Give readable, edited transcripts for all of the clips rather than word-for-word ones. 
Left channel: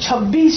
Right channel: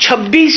26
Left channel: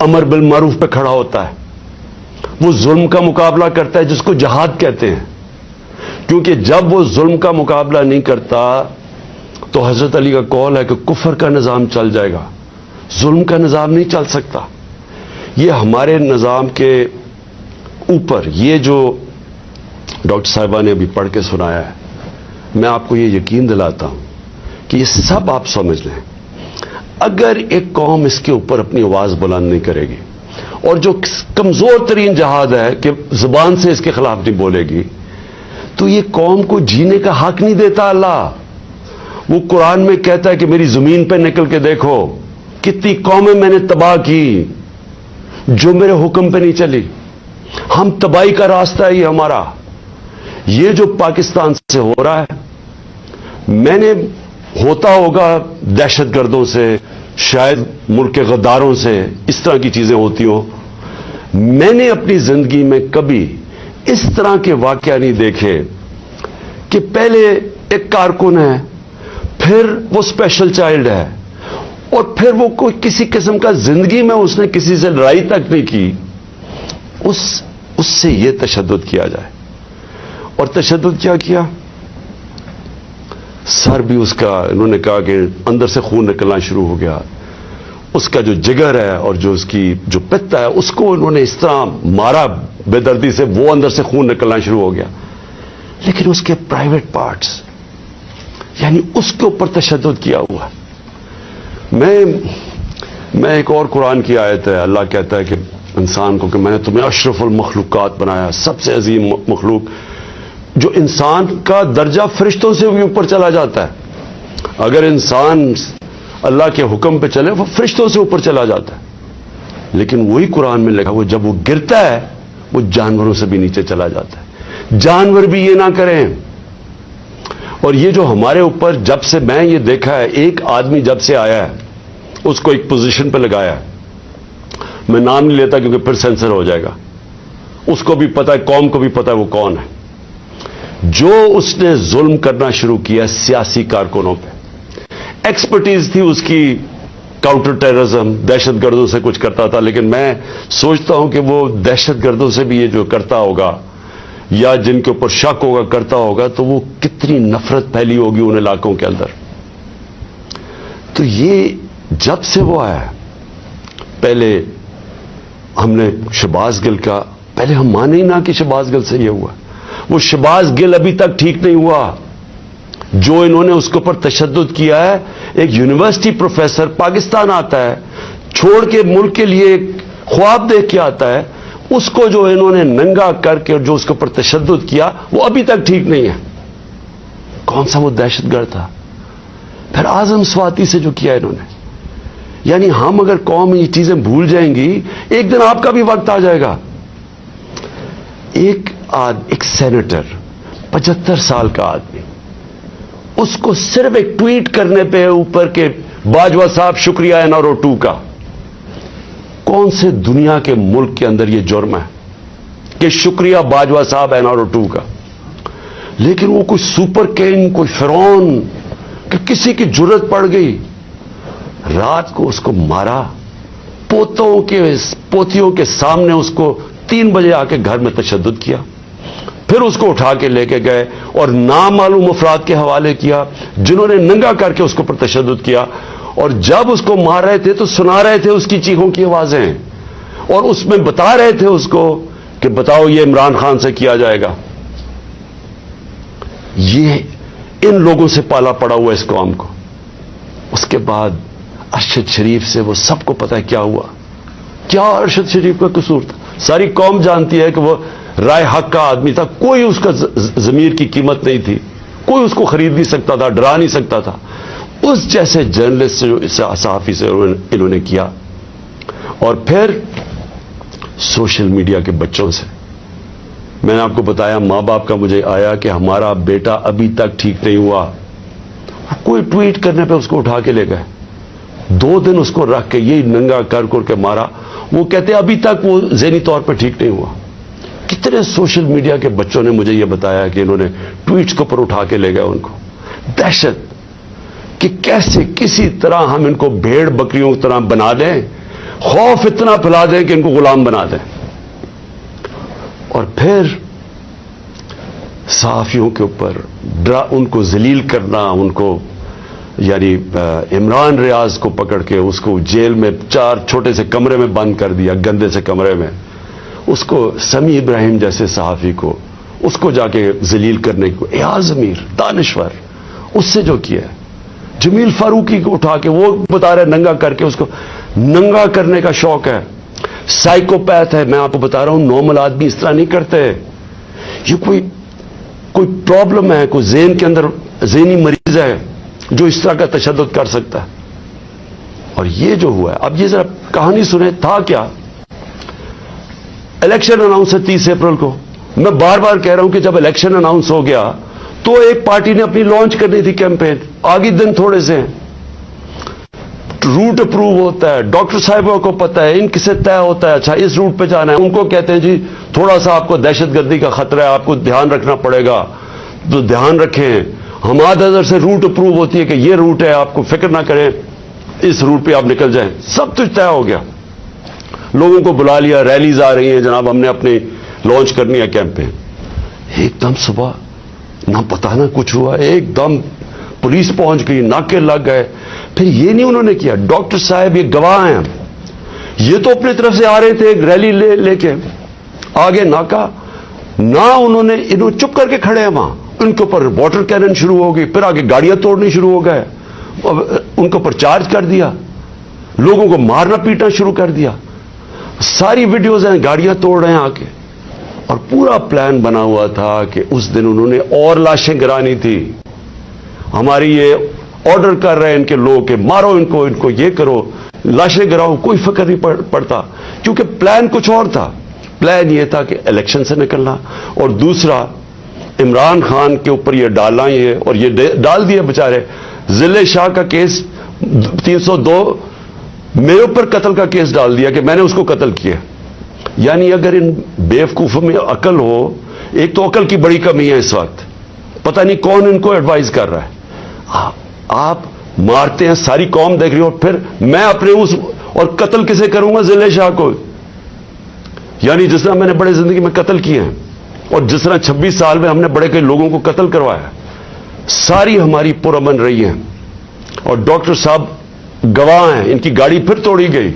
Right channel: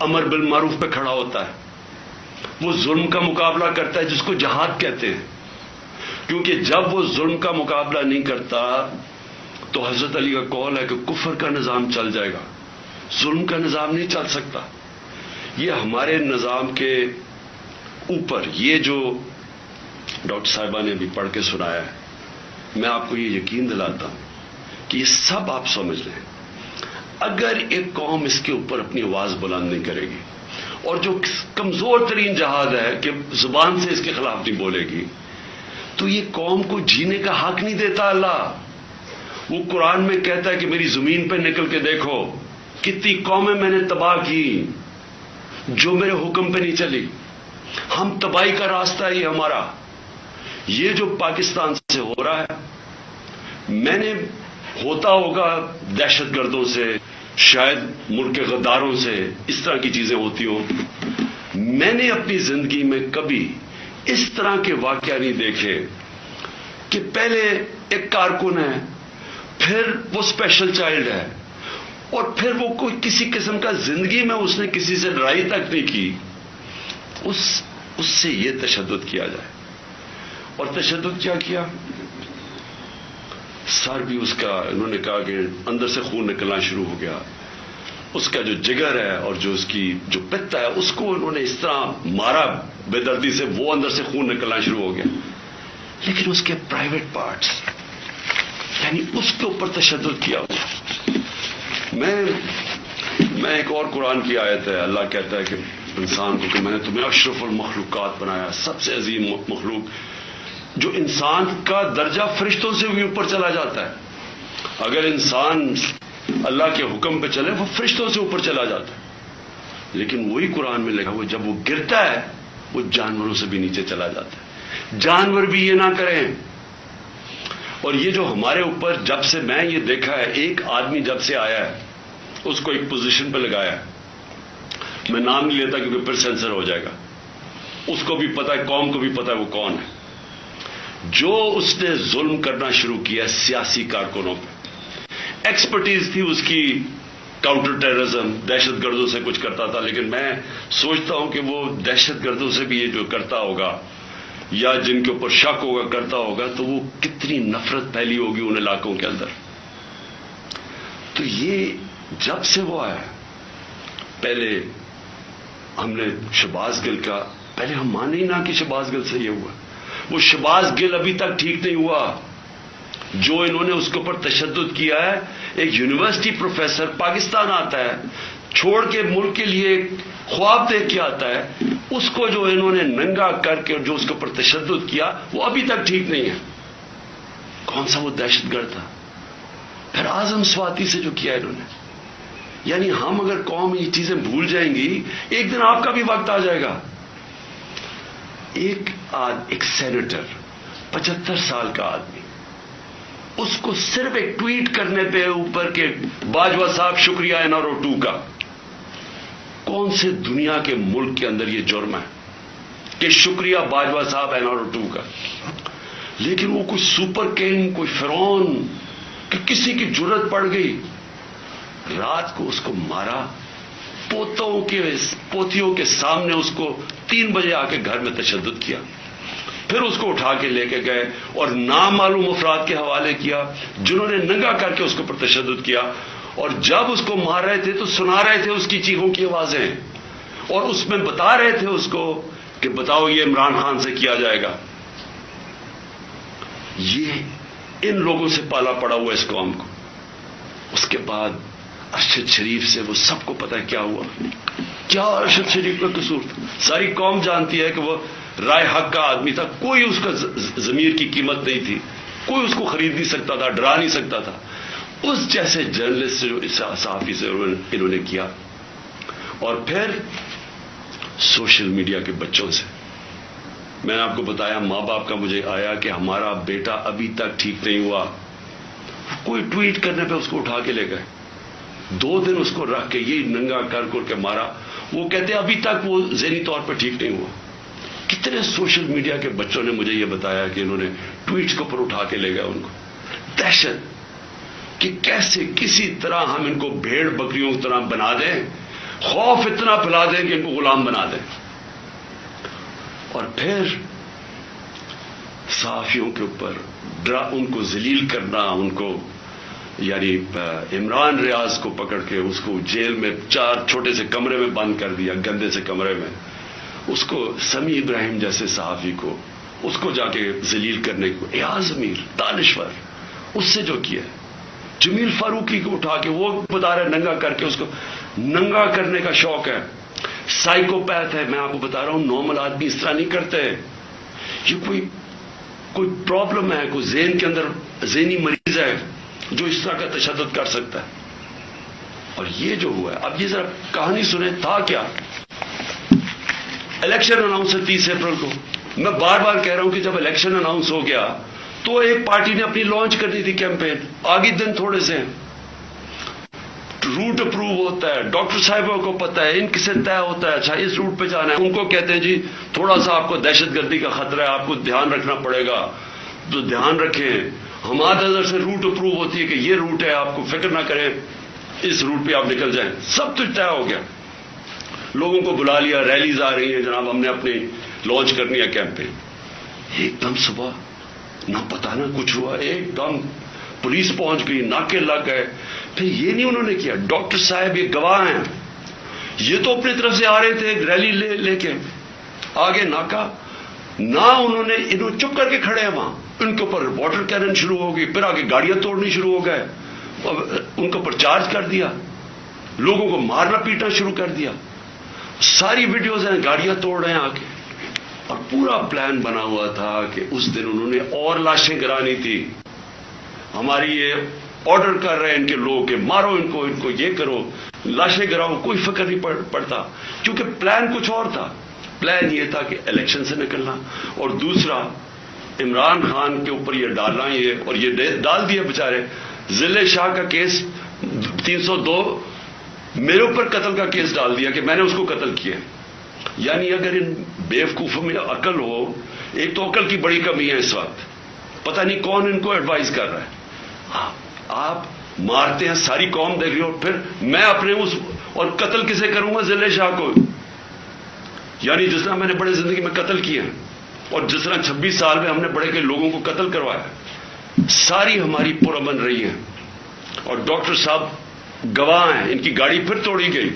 امر بالمعروف پہ کھڑا ہوتا ہے, وہ ظلم کا مقابلہ کرتا ہے جس کو جہاد کہتے ہیں, کیونکہ جب وہ ظلم کا مقابلہ نہیں کرتا تو حضرت علی کا قول ہے کہ کفر کا نظام چل جائے گا, ظلم کا نظام نہیں چل سکتا. یہ ہمارے نظام کے اوپر یہ جو ڈاکٹر صاحبہ نے ابھی پڑھ کے سنایا ہے, میں آپ کو یہ یقین دلاتا ہوں کہ یہ سب آپ سمجھ لیں. اگر ایک قوم اس کے اوپر اپنی آواز بلند نہیں کرے گی, اور جو کمزور ترین جہاد ہے کہ زبان سے اس کے خلاف نہیں بولے گی, تو یہ قوم کو جینے کا حق نہیں دیتا اللہ. وہ قرآن میں کہتا ہے کہ میری زمین پہ نکل کے دیکھو کتنی قومیں میں نے تباہ کی جو میرے حکم پہ نہیں چلی. ہم تباہی کا راستہ ہے یہ ہمارا. یہ جو پاکستان سے ہو رہا ہے, میں نے ہوتا ہوگا دہشت گردوں سے, شاید ملک کے غداروں سے, اس طرح کی چیزیں ہوتی ہوں. میں نے اپنی زندگی میں کبھی اس طرح کے واقعہ نہیں دیکھے کہ پہلے ایک کارکن ہے, پھر وہ اسپیشل چائلڈ ہے, اور پھر وہ کوئی کسی قسم کا زندگی میں اس نے کسی سے لڑائی تک نہیں کی, اس سے یہ تشدد کیا جائے. اور تشدد کیا کیا, سر بھی اس کا, انہوں نے کہا کہ اندر سے خون نکلنا شروع ہو گیا, اس کا جو جگر ہے اور جو اس کی جو پتا ہے اس کو انہوں نے اس طرح مارا بے دردی سے, وہ اندر سے خون نکلنا شروع ہو گیا. لیکن اس کے پرائیویٹ پارٹس, یعنی اس کے اوپر تشدد کیا ہوا. میں ایک اور قرآن کی آیت ہے, اللہ کہتا ہے کہ انسان کو کہ میں نے تمہیں اشرف المخلوقات بنایا, سب سے عظیم مخلوق, جو انسان کا درجہ فرشتوں سے بھی اوپر چلا جاتا ہے. اگر انسان اللہ کے حکم پہ چلے وہ فرشتوں سے اوپر چلا جاتا ہے. لیکن وہی قرآن میں لکھا, وہ جب وہ گرتا ہے وہ جانوروں سے بھی نیچے چلا جاتا ہے. جانور بھی یہ نہ کریں. اور یہ جو ہمارے اوپر, جب سے میں یہ دیکھا ہے, ایک آدمی جب سے آیا ہے اس کو ایک پوزیشن پہ لگایا ہے, میں نام نہیں لیتا کیونکہ پھر سینسر ہو جائے گا, اس کو بھی پتا ہے, قوم کو بھی پتا ہے وہ کون ہے. جو اس نے ظلم کرنا شروع کیا سیاسی کارکنوں پہ, ایکسپرٹیز تھی اس کی کاؤنٹر ٹیررزم, دہشت گردوں سے کچھ کرتا تھا, لیکن میں سوچتا ہوں کہ وہ دہشت گردوں سے بھی یہ جو کرتا ہوگا یا جن کے اوپر شک ہوگا کرتا ہوگا, تو وہ کتنی نفرت پھیلی ہوگی ان علاقوں کے اندر. تو یہ جب سے وہ آیا, پہلے ہم نے شہباز گل کا, پہلے ہم مانے ہی نہ کہ شہباز گل سے یہ ہوا. وہ شہباز گل ابھی تک ٹھیک نہیں ہوا. جو انہوں نے اس کے اوپر تشدد کیا ہے, ایک یونیورسٹی پروفیسر پاکستان آتا ہے, چھوڑ کے ملک کے لیے ایک خواب دیکھ کے آتا ہے, اس کو جو انہوں نے ننگا کر کے جو اس کے اوپر تشدد کیا وہ ابھی تک ٹھیک نہیں ہے. کون سا وہ دہشت گرد تھا. پھر اعظم سواتی سے جو کیا انہوں نے, یعنی ہم اگر قوم یہ چیزیں بھول جائیں گی, ایک دن آپ کا بھی وقت آ جائے گا. ایک سینیٹر 75 سال کا آدمی, اس کو صرف ایک ٹویٹ کرنے پہ اوپر کے باجوہ صاحب شکریہ NRO 2 کا, کون سے دنیا کے ملک کے اندر یہ جرم ہے کہ شکریہ باجوہ صاحب NRO 2 کا. لیکن وہ کوئی سپر کنگ, کوئی فرعون کہ کسی کی جرت پڑ گئی, رات کو اس کو مارا, پوتیوں کے سامنے اس کو 3 بجے آ کے گھر میں تشدد کیا, پھر اس کو اٹھا کے لے کے گئے اور نامعلوم افراد کے حوالے کیا جنہوں نے ننگا کر کے اس کے اوپر تشدد کیا. اور جب اس کو مار رہے تھے تو سنا رہے تھے اس کی چیخوں کی آوازیں, اور اس میں بتا رہے تھے اس کو کہ بتاؤ یہ عمران خان سے کیا جائے گا. یہ ان لوگوں سے پالا پڑا ہوا اس قوم کو. اس کے بعد ارشد شریف سے وہ سب کو پتا ہے کیا ہوا, کیا ارشد شریف کا قصور تھا. ساری قوم جانتی ہے کہ وہ رائے حق کا آدمی تھا, کوئی اس کا ضمیر کی قیمت نہیں تھی, کوئی اس کو خرید نہیں سکتا تھا, ڈرا نہیں سکتا تھا. اس جیسے جرنلسٹ سے, صحافی سے انہوں نے کیا. اور پھر سوشل میڈیا کے بچوں سے, میں نے آپ کو بتایا ماں باپ کا مجھے آیا کہ ہمارا بیٹا ابھی تک ٹھیک نہیں ہوا, کوئی ٹویٹ کرنے پہ اس کو اٹھا کے لے گئے, 2 دن اس کو رکھ کے یہی ننگا کر کے مارا. وہ کہتے ابھی تک وہ ذہنی طور پر ٹھیک نہیں ہوا. کتنے سوشل میڈیا کے بچوں نے مجھے یہ بتایا کہ انہوں نے ٹویٹس کے اوپر اٹھا کے لے گئے ان کو. دہشت کہ کیسے کسی طرح ہم ان کو بھیڑ بکریوں کی طرح بنا دیں, خوف اتنا پھیلا دیں کہ ان کو غلام بنا دیں، اور پھر صحافیوں کے اوپر ان کو ذلیل کرنا، ان کو یعنی عمران ریاض کو پکڑ کے اس کو جیل میں 4 چھوٹے سے کمرے میں بند کر دیا، گندے سے کمرے میں، اس کو سمیع ابراہیم جیسے صحافی کو اس کو جا کے ذلیل کرنے کو، ایاز امیر دانشور اس سے جو کیا ہے، جمیل فاروقی کو اٹھا کے وہ بتا رہے ننگا کر کے، اس کو ننگا کرنے کا شوق ہے، سائیکوپیتھ ہے، میں آپ کو بتا رہا ہوں نارمل آدمی اس طرح نہیں کرتے، یہ کوئی پرابلم ہے، کوئی ذہن کے اندر ذہنی مریض ہے جو اس طرح کا تشدد کر سکتا۔ اور یہ جو ہوا ہے، اب یہ ذرا کہانی سنیں، تھا کیا؟ الیکشن اناؤنس ہے 30 اپریل کو، میں بار بار کہہ رہا ہوں کہ جب الیکشن اناؤنس ہو گیا تو ایک پارٹی نے اپنی لانچ کرنی تھی کیمپین، آگے دن تھوڑے سے ہیں، روٹ اپروو ہوتا ہے، ڈاکٹر صاحبوں کو پتا ہے، ان کسے طے ہوتا ہے، اچھا اس روٹ پہ جانا ہے، ان کو کہتے ہیں جی تھوڑا سا آپ کو دہشت گردی کا خطرہ ہے، آپ کو دھیان رکھنا پڑے گا، تو دھیان رکھیں، ہمارے ادھر سے روٹ اپروو ہوتی ہے کہ یہ روٹ ہے، آپ کو فکر نہ کریں، اس روٹ پہ آپ نکل جائیں، سب کچھ طے ہو گیا، لوگوں کو بلا لیا، ریلیز آ رہی ہیں، جناب ہم نے اپنی لانچ کرنی ہے کیمپین، ایک دم صبح نہ پتا نہ کچھ ہوا، ایک دم پولیس پہنچ گئی، ناکے لگ گئے، پھر یہ نہیں انہوں نے کیا، ڈاکٹر صاحب یہ گواہ ہیں، یہ تو اپنی طرف سے آ رہے تھے ایک ریلی لے کے، آگے ناکا، نہ انہوں نے چپ کر کے کھڑے ہیں وہاں، ان کے اوپر واٹر کینن شروع ہو گئی، پھر آگے گاڑیاں توڑنی شروع ہو گئے، ان کے اوپر چارج کر دیا، لوگوں کو مارنا پیٹنا شروع کر دیا، ساری ویڈیوز ہیں، گاڑیاں توڑ رہے ہیں آ کے، اور پورا پلان بنا ہوا تھا کہ اس دن انہوں نے اور لاشیں گرانی تھی، ہماری یہ آرڈر کر رہے ہیں ان کے لوگ کہ مارو ان کو یہ کرو، لاشیں گراؤ، کوئی فکر نہیں پڑتا، کیونکہ پلان کچھ اور تھا، پلان یہ تھا کہ الیکشن سے نکلنا، اور دوسرا عمران خان کے اوپر یہ ڈالنا، یہ اور یہ ڈال دیا بیچارے، ضلع شاہ کا کیس 302 میرے اوپر قتل کا کیس ڈال دیا کہ میں نے اس کو قتل کیا، یعنی اگر ان بیوقوفوں میں عقل ہو، ایک تو عقل کی بڑی کمی ہے اس وقت، پتہ نہیں کون ان کو ایڈوائز کر رہا ہے، آپ مارتے ہیں، ساری قوم دیکھ رہی ہو، پھر میں اپنے اس اور قتل کسے کروں گا؟ ضلع شاہ کو، یعنی جس طرح میں نے بڑے زندگی میں قتل کیے ہیں، اور جس طرح 26 سال میں ہم نے بڑے کئی لوگوں کو قتل کروایا، ساری ہماری پرامن رہی ہیں، اور ڈاکٹر صاحب گواہ ہیں، ان کی گاڑی پھر توڑی گئی،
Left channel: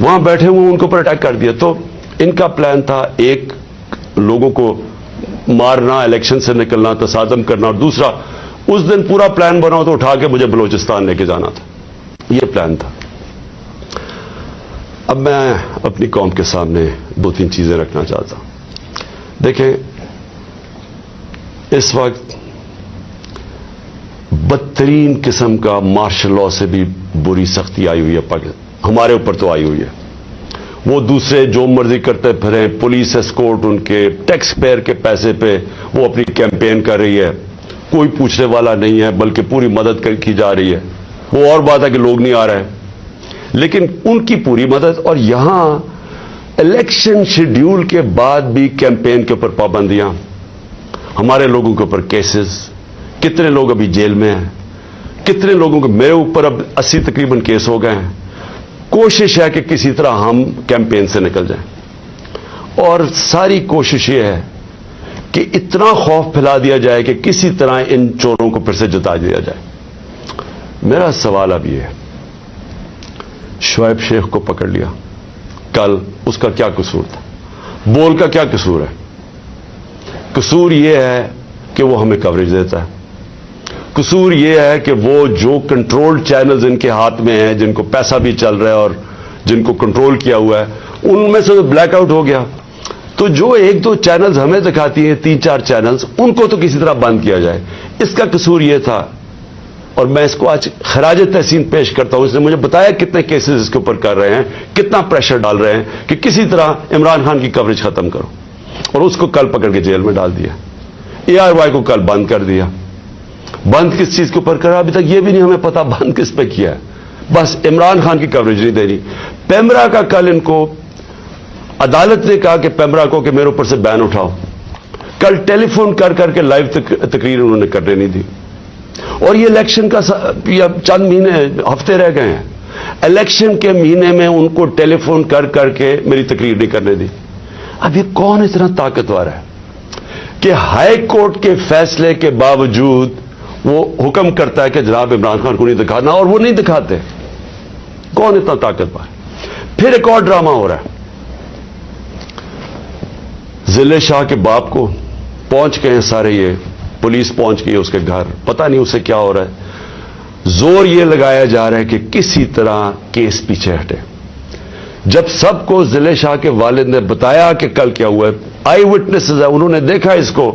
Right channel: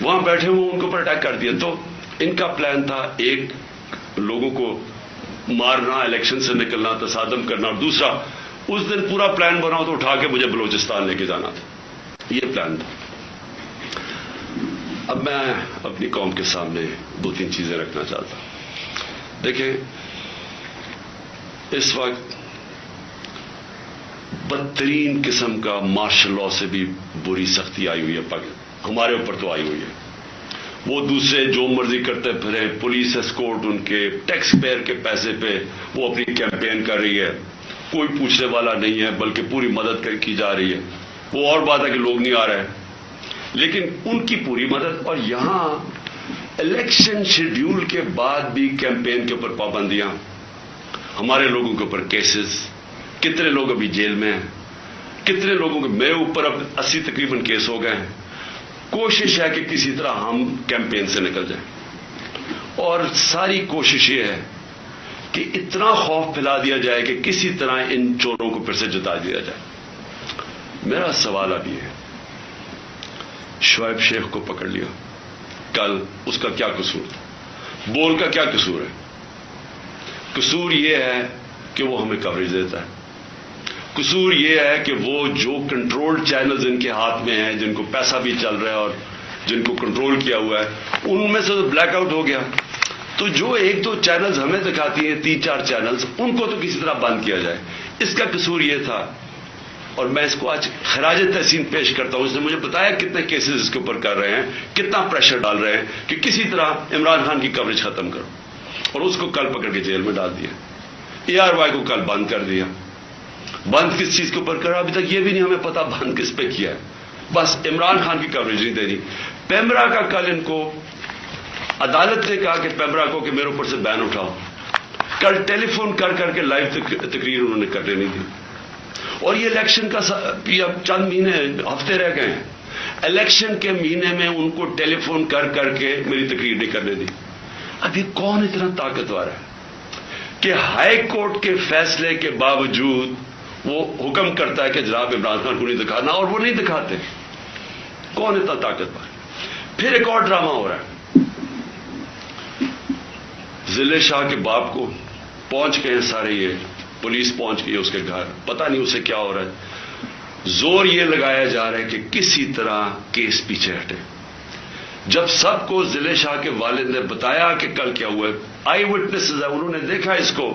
وہاں بیٹھے ہوئے ان کے اوپر اٹیک کر دیا، تو ان کا پلان تھا ایک لوگوں کو مارنا، الیکشن سے نکلنا، تصادم کرنا، اور دوسرا اس دن پورا پلان بنا تو اٹھا کے مجھے بلوچستان لے کے جانا تھا، یہ پلان تھا۔ اب میں اپنی قوم کے سامنے 2-3 چیزیں رکھنا چاہتا ہوں۔ دیکھیں، اس وقت بدترین قسم کا مارشل لاء سے بھی بری سختی آئی ہوئی ہے، ہمارے اوپر تو آئی ہوئی ہے، وہ دوسرے جو مرضی کرتے پھریں، پولیس اسکورٹ ان کے ٹیکس پیئر کے پیسے پہ وہ اپنی کیمپین کر رہی ہے، کوئی پوچھنے والا نہیں ہے، بلکہ پوری مدد کی جا رہی ہے، وہ اور بات ہے کہ لوگ نہیں آ رہے، لیکن ان کی پوری مدد، اور یہاں الیکشن شیڈیول کے بعد بھی کیمپین کے اوپر پابندیاں، ہمارے لوگوں کے اوپر کیسز، کتنے لوگ ابھی جیل میں ہیں، کتنے لوگوں کے، میرے اوپر اب 80 تقریباً کیس ہو گئے ہیں، کوشش ہے کہ کسی طرح ہم کیمپین سے نکل جائیں، اور ساری کوشش یہ ہے کہ اتنا خوف پھیلا دیا جائے کہ کسی طرح ان چوروں کو پھر سے جتا دیا جائے۔ میرا سوال اب یہ ہے، شعیب شیخ کو پکڑ لیا کل، اس کا کیا قصور تھا؟ بول کا کیا قصور ہے؟ قصور یہ ہے کہ وہ ہمیں کوریج دیتا ہے، قصور یہ ہے کہ وہ جو کنٹرول چینلز ان کے ہاتھ میں ہیں، جن کو پیسہ بھی چل رہا ہے اور جن کو کنٹرول کیا ہوا ہے، ان میں سے بلیک آؤٹ ہو گیا، تو جو 1-2 چینلز ہمیں دکھاتی ہیں، 3-4 چینلز، ان کو تو کسی طرح بند کیا جائے، اس کا قصور یہ تھا، اور میں اس کو آج خراج تحسین پیش کرتا ہوں، اس نے مجھے بتایا کتنے کیسز اس کے اوپر کر رہے ہیں، کتنا پریشر ڈال رہے ہیں کہ کسی طرح عمران خان کی کوریج ختم کرو، اور اس کو کل پکڑ کے جیل میں ڈال دیا، ARY کو کل بند کر دیا۔ بند کس چیز کے اوپر کرا ابھی تک یہ بھی نہیں ہمیں پتا، بند کس پہ کیا ہے، بس عمران خان کی کوریج نہیں دے رہی۔ پیمرا کا کل ان کو عدالت نے کہا کہ پیمرا کو کہ میرے اوپر سے بین اٹھاؤ، کل ٹیلی فون کر کر کے لائیو تقریر انہوں نے کرنے نہیں دی، اور یہ الیکشن کا چند مہینے ہفتے رہ گئے ہیں، الیکشن کے مہینے میں ان کو ٹیلی فون کر کر کے میری تقریر نہیں کرنے دی. اب یہ کون اتنا طاقتور ہے کہ ہائی کورٹ کے فیصلے کے باوجود وہ حکم کرتا ہے کہ جناب عمران خان کو نہیں دکھانا, اور وہ نہیں دکھاتے؟ کون اتنا طاقتور؟ پھر ایک اور ڈرامہ ہو رہا ہے. ضلع شاہ کے باپ کو پہنچ گئے ہیں سارے, یہ پولیس پہنچ گئی اس کے گھر, پتہ نہیں اسے کیا ہو رہا ہے. زور یہ لگایا جا رہا ہے کہ کسی طرح کیس پیچھے ہٹے. جب سب کو ضلع شاہ کے والد نے بتایا کہ کل کیا ہوا ہے, آئی وٹنسز ہے, انہوں نے دیکھا اس کو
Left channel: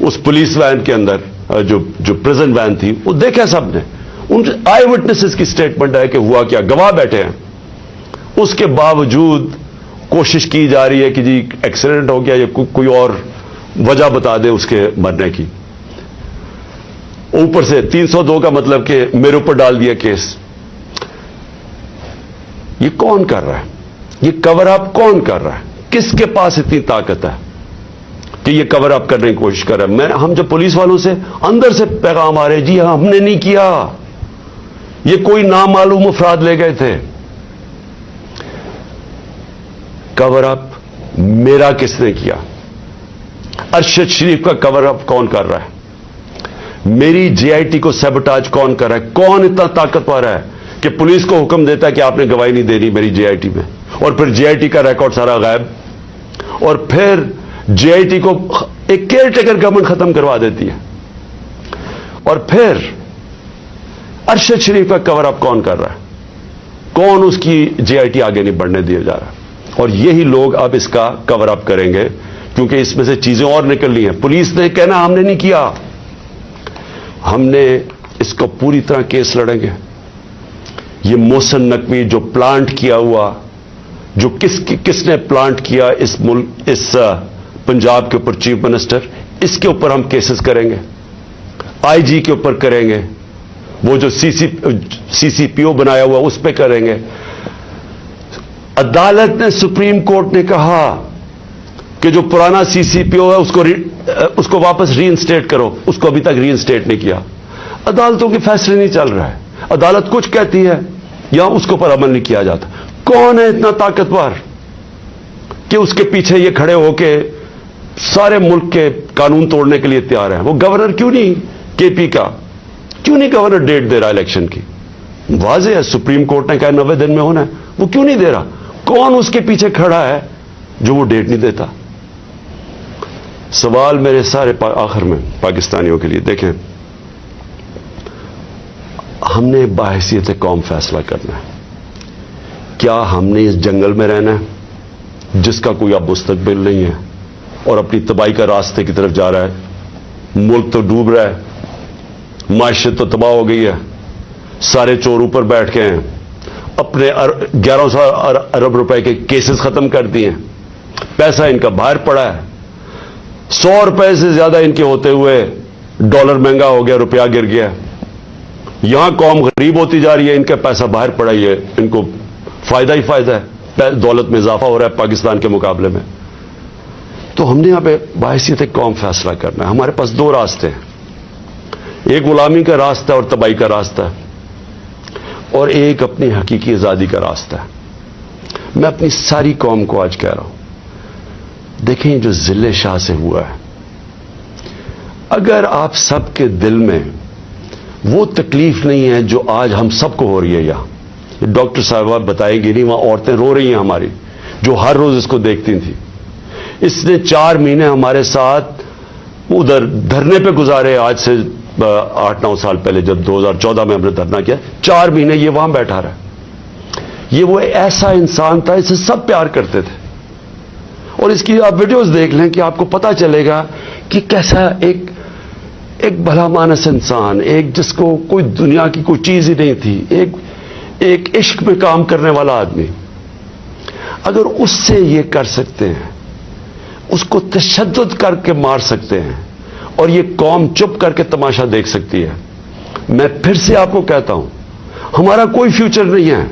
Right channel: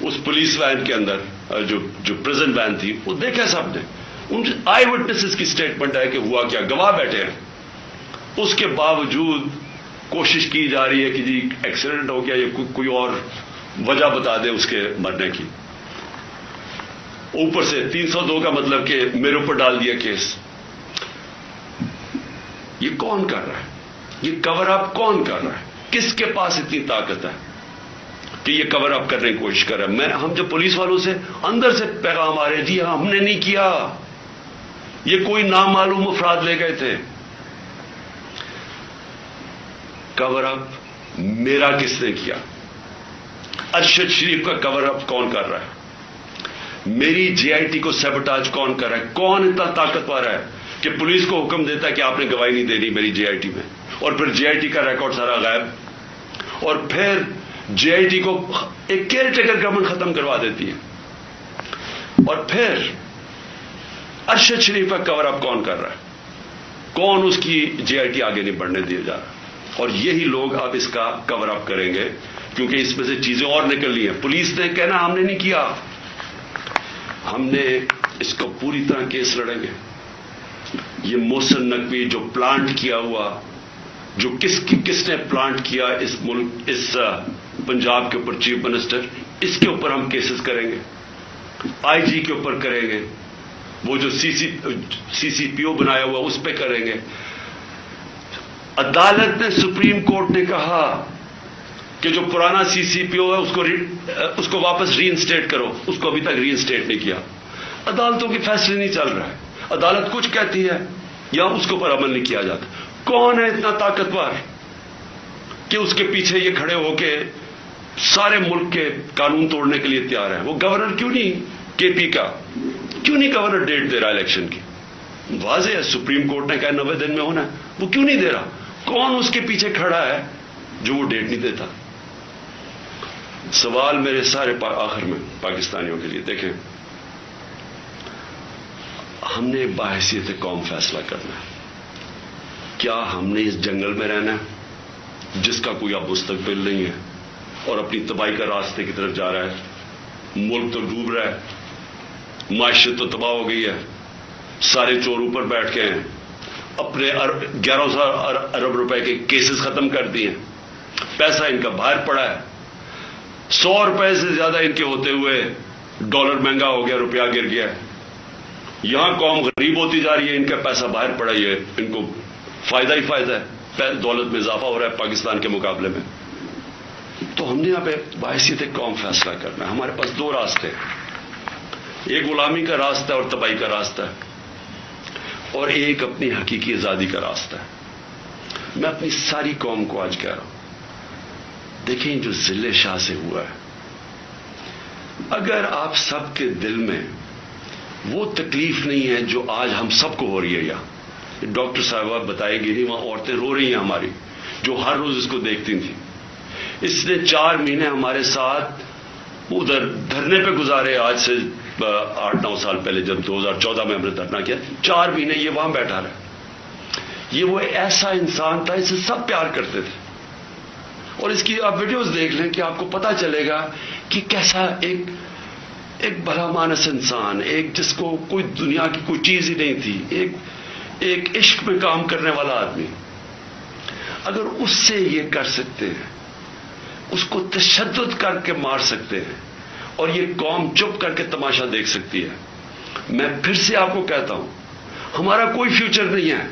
اس پولیس وین کے اندر, جو پریزن وین تھی وہ دیکھا سب نے, ان آئی وٹنسز کی سٹیٹمنٹ ہے کہ ہوا کیا, گواہ بیٹھے ہیں. اس کے باوجود کوشش کی جا رہی ہے کہ جی ایکسیڈنٹ ہو گیا یا کوئی اور وجہ بتا دے اس کے مرنے کی. اوپر سے 302 کا مطلب کہ میرے اوپر ڈال دیا کیس. یہ کون کر رہا ہے؟ یہ کور اپ کون کر رہا ہے؟ کس کے پاس اتنی طاقت ہے کہ یہ کور اپ کرنے کی کوشش کر رہا ہے؟ ہم جب پولیس والوں سے اندر سے پیغام آ رہے جی ہم نے نہیں کیا, یہ کوئی نامعلوم افراد لے گئے تھے. کور اپ میرا کس نے کیا؟ ارشد شریف کا کور اپ کون کر رہا ہے؟ میری جے آئی ٹی کو سیبوٹاج کون کر رہا ہے؟ کون اتنا طاقتور ہے کہ پولیس کو حکم دیتا ہے کہ آپ نے گواہی نہیں دینی میری جے آئی ٹی میں, اور پھر جے آئی ٹی کا ریکارڈ سارا غائب, اور پھر جے آئی ٹی کو ایک کیئر ٹیکر گورنمنٹ ختم کروا دیتی ہے, اور پھر ارشد شریف کا کور اپ کون کر رہا ہے؟ کون اس کی جے آئی ٹی آگے نہیں بڑھنے دیا جا رہا؟ اور یہی لوگ اب اس کا کور اپ کریں گے کیونکہ اس میں سے چیزیں اور نکلنی ہیں. پولیس نے کہنا ہم نے نہیں کیا, ہم نے اس کو پوری طرح کیس لڑیں گے. یہ محسن نقوی جو پلانٹ کیا ہوا, جو کس نے پلانٹ کیا اس ملک, اس پنجاب کے اوپر چیف منسٹر, اس کے اوپر ہم کیسز کریں گے, آئی جی کے اوپر کریں گے, وہ جو سی سی پی او بنایا ہوا اس پہ کریں گے. عدالت نے, سپریم کورٹ نے کہا کہ جو پرانا سی سی پی او ہے اس کو واپس ری انسٹیٹ کرو, اس کو ابھی تک ری انسٹیٹ نہیں کیا. عدالتوں کے فیصلے نہیں چل رہا ہے, عدالت کچھ کہتی ہے یا اس کے اوپر عمل نہیں کیا جاتا. کون ہے اتنا طاقتور کہ اس کے پیچھے یہ کھڑے ہو کے سارے ملک کے قانون توڑنے کے لیے تیار ہے؟ وہ گورنر کیوں نہیں, کے پی کا کیوں نہیں گورنر ڈیٹ دے رہا الیکشن کی؟ واضح ہے سپریم کورٹ نے کہا 90 دن میں ہونا ہے, وہ کیوں نہیں دے رہا؟ کون اس کے پیچھے کھڑا ہے جو وہ ڈیٹ نہیں دیتا؟ سوال میرے سارے آخر میں پاکستانیوں کے لیے, دیکھیں ہم نے باحثیت قوم فیصلہ کرنا ہے. کیا ہم نے اس جنگل میں رہنا ہے جس کا کوئی اب مستقبل نہیں ہے اور اپنی تباہی کا راستے کی طرف جا رہا ہے؟ ملک تو ڈوب رہا ہے, معیشت تو تباہ ہو گئی ہے, سارے چور اوپر بیٹھ گئے ہیں, اپنے 1100 ارب روپے کے کیسز ختم کر دیے, پیسہ ان کا باہر پڑا ہے, 100 روپے سے زیادہ ان کے ہوتے ہوئے ڈالر مہنگا ہو گیا, روپیہ گر گیا. یہاں قوم غریب ہوتی جا رہی ہے, ان کا پیسہ باہر پڑا ہی ہے, ان کو فائدہ ہی فائدہ ہے, دولت میں اضافہ ہو رہا ہے پاکستان کے مقابلے میں. تو ہم نے یہاں پہ باحثیت قوم فیصلہ کرنا ہے. ہمارے پاس 2 راستے ہیں, ایک غلامی کا راستہ اور تباہی کا راستہ, اور ایک اپنی حقیقی آزادی کا راستہ. میں اپنی ساری قوم کو آج کہہ رہا ہوں, دیکھیں جو ضلع شاہ سے ہوا ہے, اگر آپ سب کے دل میں وہ تکلیف نہیں ہے جو آج ہم سب کو ہو رہی ہے, یہاں ڈاکٹر صاحبہ بتائے گی نہیں, وہاں عورتیں رو رہی ہیں ہماری جو ہر روز اس کو دیکھتی تھیں. اس نے 4 مہینے ہمارے ساتھ ادھر دھرنے پہ گزارے, آج سے 8-9 سال پہلے جب 2014 میں ہم نے دھرنا کیا, 4 مہینے یہ وہاں بیٹھا رہا. یہ وہ ایسا انسان تھا, اسے سب پیار کرتے تھے, اور اس کی آپ ویڈیوز دیکھ لیں کہ آپ کو پتا چلے گا کہ کیسا ایک بھلا مانس انسان, ایک جس کو کوئی دنیا کی کوئی چیز ہی نہیں تھی, ایک عشق میں کام کرنے والا آدمی. اگر اس سے یہ کر سکتے ہیں, اس کو تشدد کر کے مار سکتے ہیں, اور یہ قوم چپ کر کے تماشا دیکھ سکتی ہے, میں پھر سے آپ کو کہتا ہوں ہمارا کوئی فیوچر نہیں ہے.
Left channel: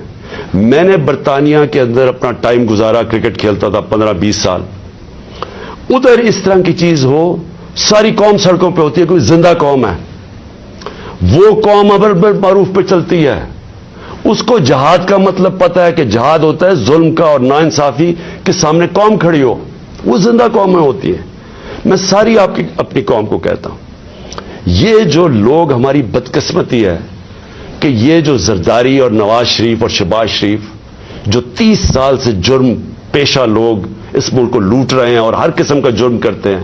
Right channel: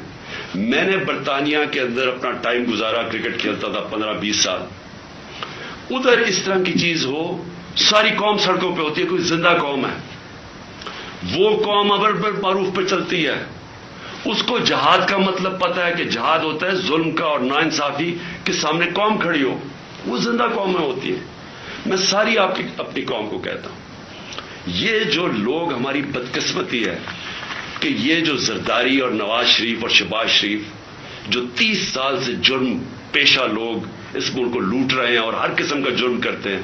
میں نے برطانیہ کے اندر اپنا ٹائم گزارا, کرکٹ کھیلتا تھا 15-20 سال. ادھر اس طرح کی چیز ہو, ساری قوم سڑکوں پہ ہوتی ہے, کوئی زندہ قوم ہے, وہ قوم امر بالمعروف پہ چلتی ہے, اس کو جہاد کا مطلب پتا ہے کہ جہاد ہوتا ہے ظلم کا اور ناانصافی کے سامنے قوم کھڑی ہو. وہ زندہ قومیں ہوتی ہیں. میں ساری اپنی قوم کو کہتا ہوں, یہ جو لوگ, ہماری بدقسمتی ہے کہ یہ جو زرداری اور نواز شریف اور شہباز شریف جو 30 سال سے جرم پیشہ لوگ اس ملک کو لوٹ رہے ہیں اور ہر قسم کا جرم کرتے ہیں,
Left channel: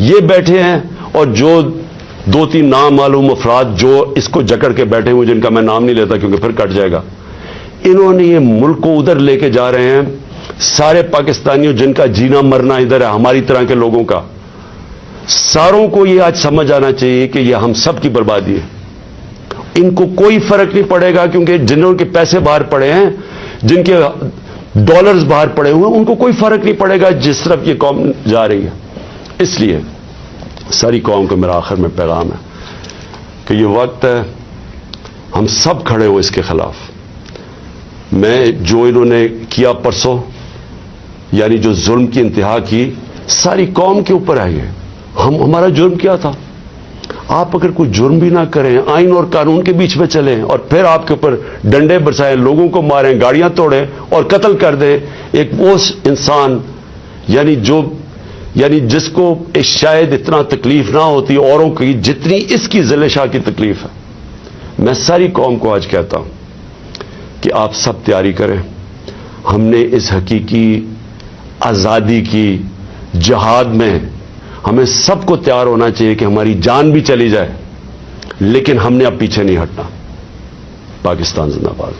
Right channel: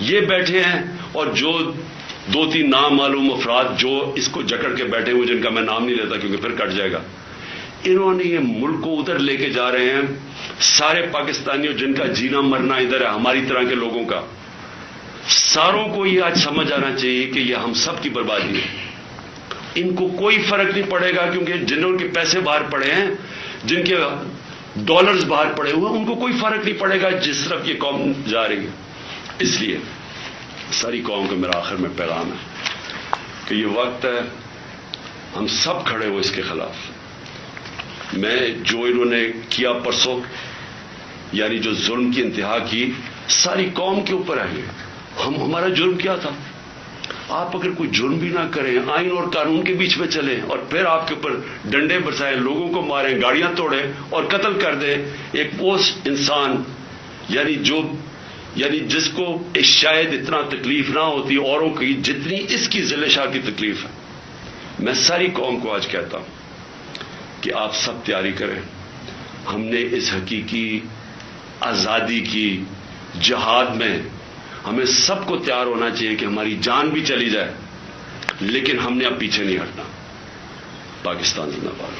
یہ بیٹھے ہیں, اور جو 2-3 نامعلوم افراد جو اس کو جکڑ کے بیٹھے ہوئے, جن کا میں نام نہیں لیتا کیونکہ پھر کٹ جائے گا, انہوں نے یہ ملک کو ادھر لے کے جا رہے ہیں. سارے پاکستانیوں جن کا جینا مرنا ادھر ہے, ہماری طرح کے لوگوں کا, ساروں کو یہ آج سمجھ آنا چاہیے کہ یہ ہم سب کی بربادی ہے. ان کو کوئی فرق نہیں پڑے گا, کیونکہ جنہوں کے پیسے باہر پڑے ہیں, جن کے ڈالرز باہر پڑے ہوئے ہیں, ان کو کوئی فرق نہیں پڑے گا جس طرف یہ قوم جا رہی ہے. اس لیے ساری قوم کو میرا آخر میں پیغام ہے کہ یہ وقت ہے ہم سب کھڑے ہو اس کے خلاف. میں جو انہوں نے کیا پرسوں, یعنی جو ظلم کی انتہا کی, ساری قوم کے اوپر ہے. ہمارا جرم کیا تھا؟ آپ اگر کوئی جرم بھی نہ کریں, آئین اور قانون کے بیچ میں چلیں, اور پھر آپ کے اوپر ڈنڈے برسائیں, لوگوں کو ماریں, گاڑیاں توڑیں اور قتل کر دیں ایک وہ انسان, یعنی جس کو شاید اتنا تکلیف نہ ہوتی اوروں کی جتنی اس کی ذل شاہ کی تکلیف ہے. میں ساری قوم کو آج کہتا ہوں کہ آپ سب تیاری کریں. ہم نے اس حقیقی آزادی کی جہاد میں ہمیں سب کو تیار ہونا چاہیے کہ ہماری جان بھی چلی جائے, لیکن ہم نے اب پیچھے نہیں ہٹنا. پاکستان زندہ باد.